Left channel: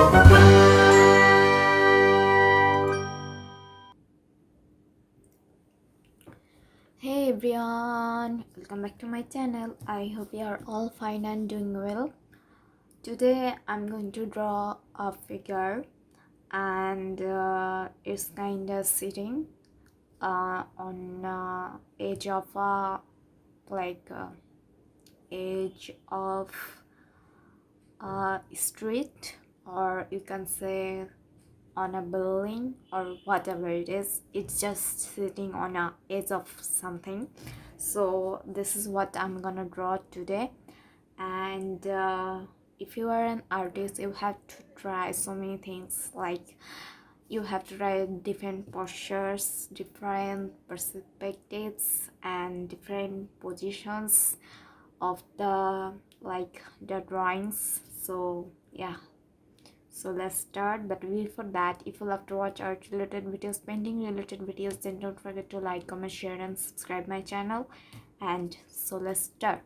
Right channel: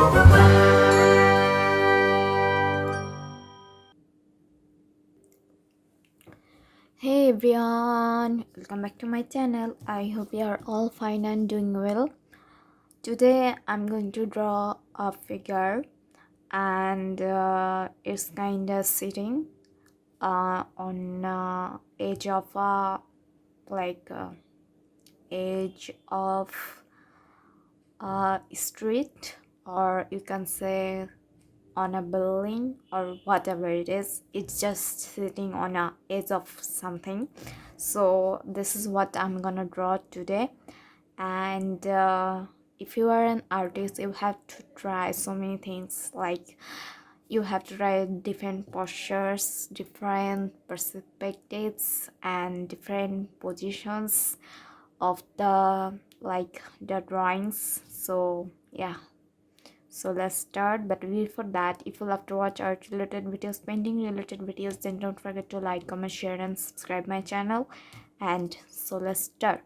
Hey everyone, welcome back to my channel. I hope you are all fine and doing well. Today I'm going to draw a figure and it's kind of sitting on edge of a like edge of a street, or you can say on a building or whatever it is. It's just sitting on a edge of something. So this is what I'm gonna draw today. And if you are an artist, you have to try so many things. Like, you have to try different postures, different perspectives, and different positions of the drawings. So yeah, so let's start. But before that, if you love to watch art related videos, painting related videos, then don't forget to like, comment, share, and subscribe my channel. And so let's start.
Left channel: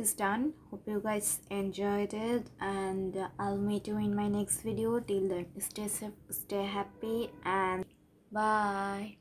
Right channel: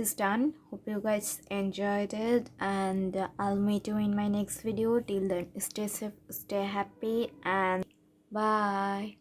Is done. Hope you guys enjoyed it, and I'll meet you in my next video. Till then, stay safe, stay happy, and bye.